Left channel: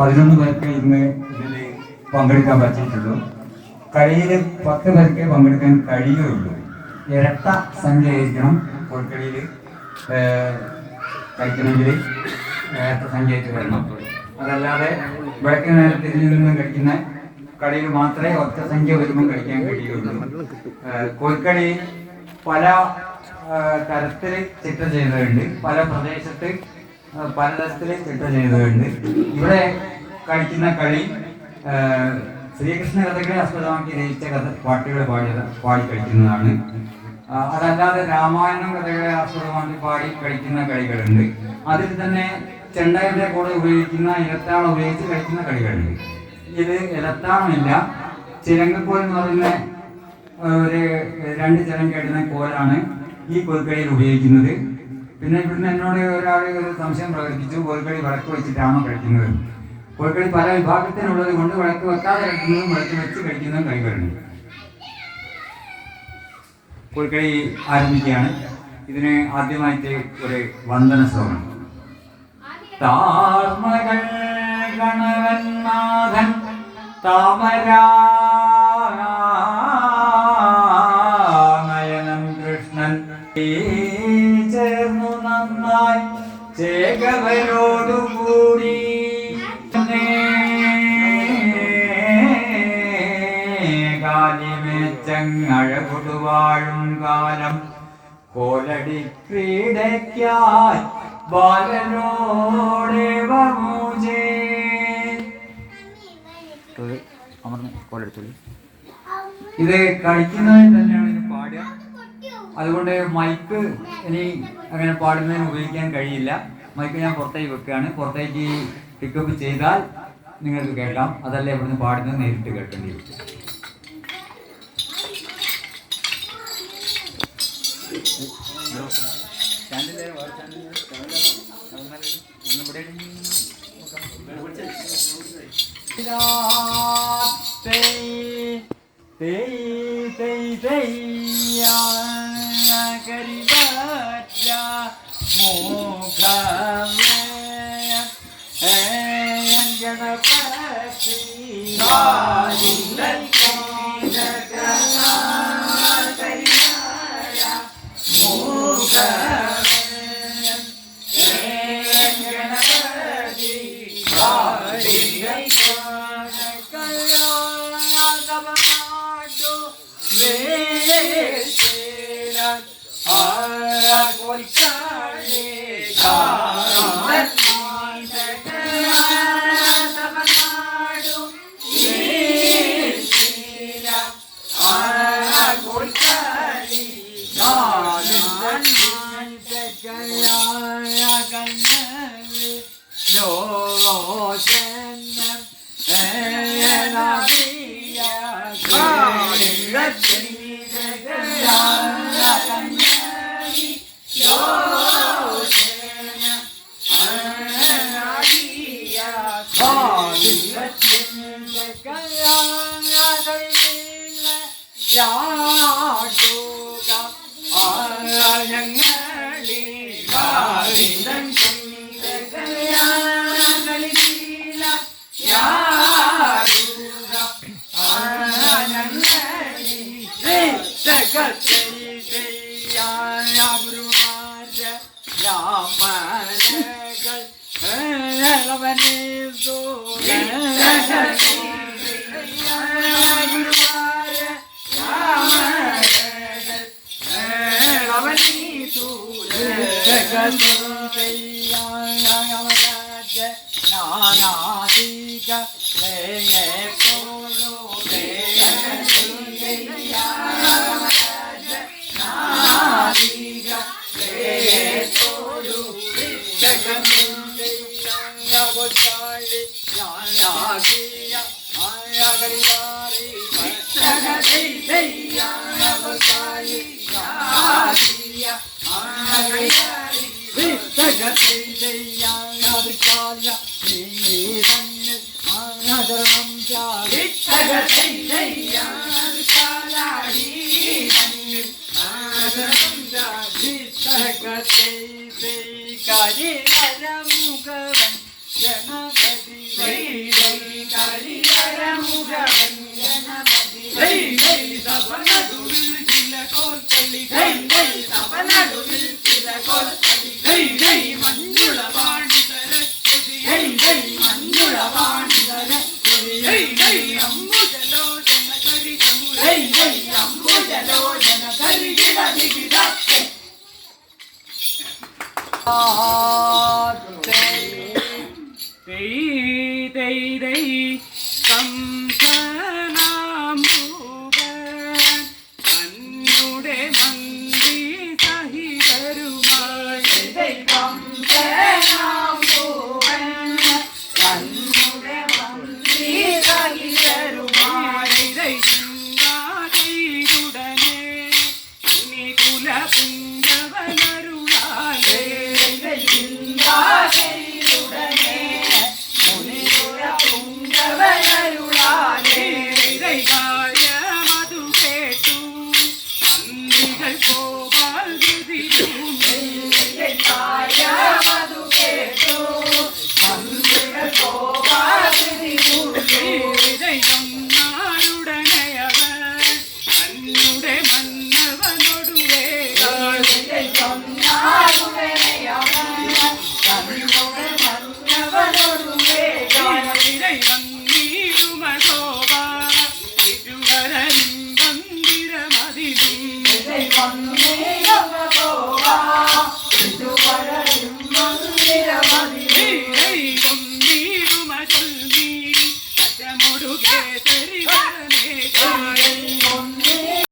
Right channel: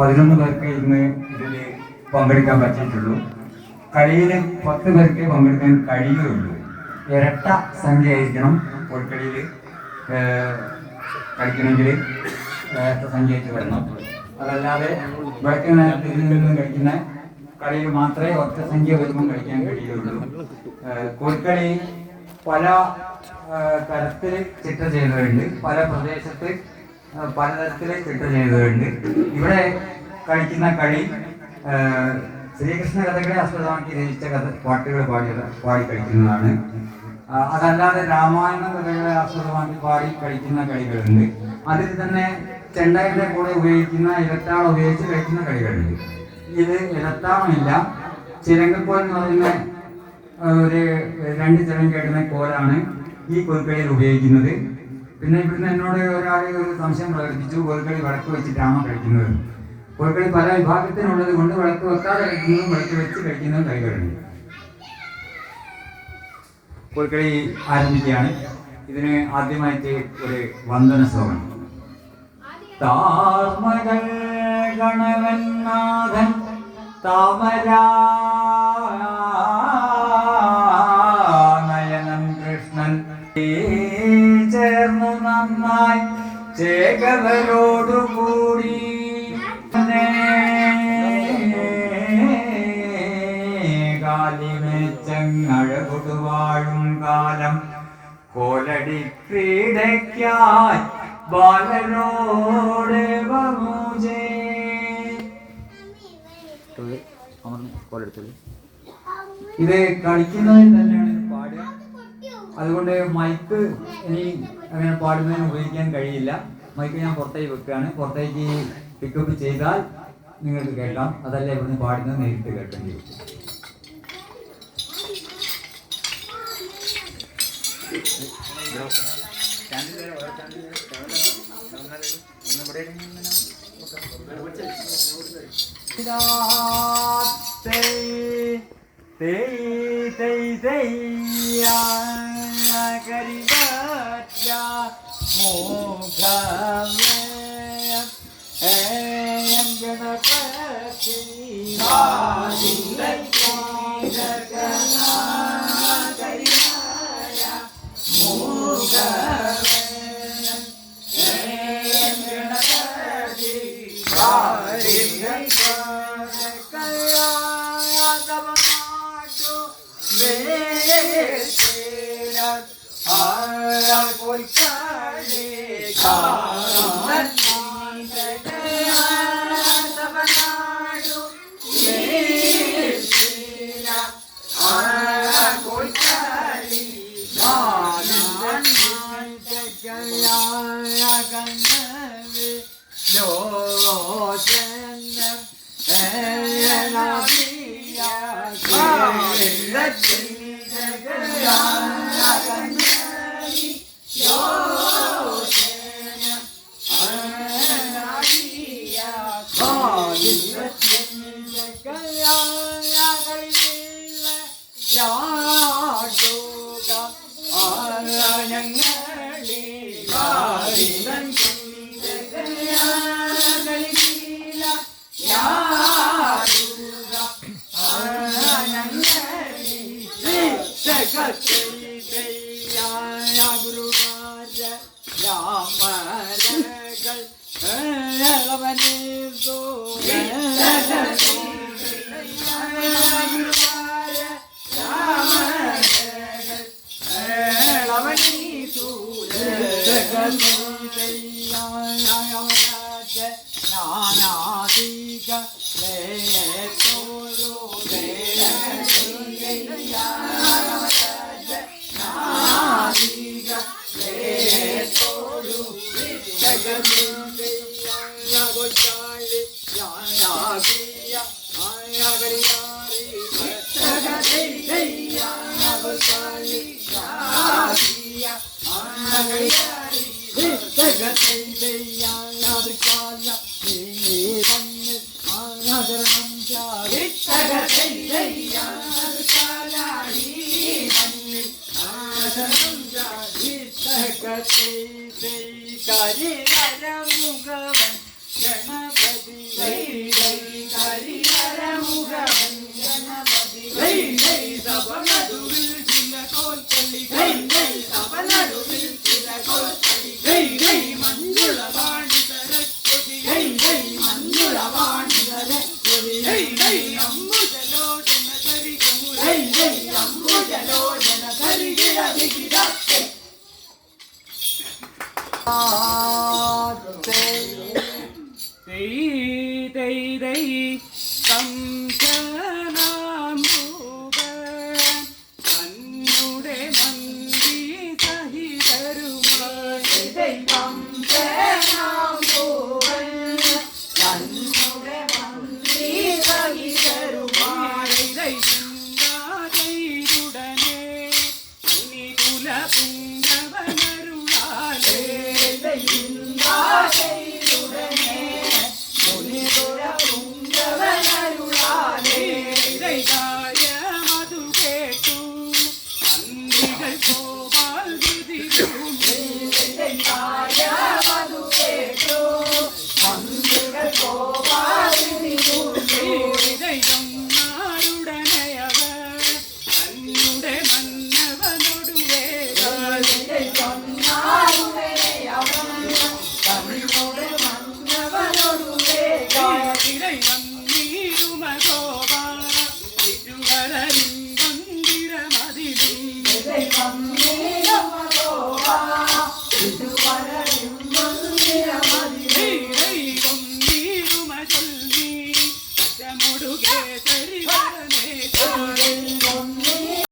11 പേർക്ക് ഇന്ന് ഇതിൽ പങ്കെടുക്കാൻ പറ്റിയിട്ടുള്ളൂ. കളിയിൽ 10 പേർക്ക് പങ്കെടുക്കാൻ കഴിയുകയുള്ളൂ. ഇരട്ട സംഖ്യ ആയിരിക്കണം കോഴിക്കളിയിൽ കളിക്കണമെങ്കിൽ ഇരട്ട സംഖ്യ ആയിട്ട് വരണം. അതല്ലാതെ വടക്ക് നേരത്തിൽ നിന്ന് കളിക്കുന്ന കളിയിൽ മാത്രമേ ഒറ്റ സംഖ്യ വരുമ്പോൾ കളിക്കാൻ കഴിയുകയുള്ളൂ. കോഴിക്കളി പല തരത്തിൽ ചിട്ട ചെയ്തതുണ്ട്, പല പ്രദേശത്ത് പലതരത്തിൽ ചിട്ട ചെയ്തതുണ്ട്. ഇവിടെ കളിക്കുന്ന കളി ശ്രീകൃഷ്ണ കഥകളെ ആസ്പദമാക്കി രചിച്ച പാട്ടുകൾ പാടി കളിക്കുന്നതാണ്. അതല്ലാതെ രാമായണം കഥകളെ ആസ്പദമാക്കി പാടി കളിക്കുന്ന കളികളുണ്ട്. അതിൽ തന്നെ ചെണ്ടയുടെ കൂടെ ഉപയോഗിക്കുന്ന ഇലത്താളം ഉപയോഗിച്ച് കളിക്കുന്ന കളികളുണ്ട്. ഇത് ഇലത്താളമില്ല, ചിലങ്കക്കോൽ എന്ന് പറയുന്ന ഒരു 2 ചിലങ്ക ഇടുന്ന കോലാണ് ഈ കോൽക്കളിയിൽ ഉപയോഗിക്കുന്നത്. പിന്നെ ഇവിടുന്ന് എന്നോട് ഒരാൾ ഒരു സംശയം പ്രകടിപ്പിച്ചു, കോൽക്കളി വിളക്ക് വെച്ചിട്ടാണോ കളിക്കുന്നത്. കോൽക്കളി പല വിഭാഗത്തിനുള്ളത് കൊണ്ട് വിളക്ക് വെക്കാതെ കളിക്കുന്നതും വിളക്ക് വെച്ച് കളിക്കുന്നതും കളികളുണ്ട്. കോൽക്കളി ആരംഭിക്കുകയാണ്. ഇതിന് ആദ്യമായിട്ട് ഒരു വന്ദന ശ്ലോകം. താർമകൾ ഗണവന്നാഥൻ താമരാനയനം കൃഷ്ണൻ ചേർന്നു നന്നായി ചേകവരോടുകൂടി കാലിമേച്ചങ്ങഴകൊടുവാഴും കാലം കോലടി പീഡയ്ക്കായി ബാലനോടെ വമൂജി. ഇത് കളിക്കുന്നതിന് തന്നെയാണ് ഇത് പാടുക. അതുകൊണ്ട് മൈക്ക് ഇനി അങ്ങനെ പാടുന്നതിന് ഉപയോഗിക്കാൻ കഴിയില്ല. മൈക്ക് ഞാൻ പുറത്തേക്ക് വെക്കുകയാണ്. പുറത്തേക്ക് പിക്കപ്പ് ചെയ്താൽ നിങ്ങൾക്ക് കേൾക്കാം, അതല്ല ഇവിടുന്ന് പാടുന്നത് നേരിട്ട് കേൾക്കേണ്ടി വരും. गणपति അന്നുടെ മന്ത്രി സഹിതരുമായി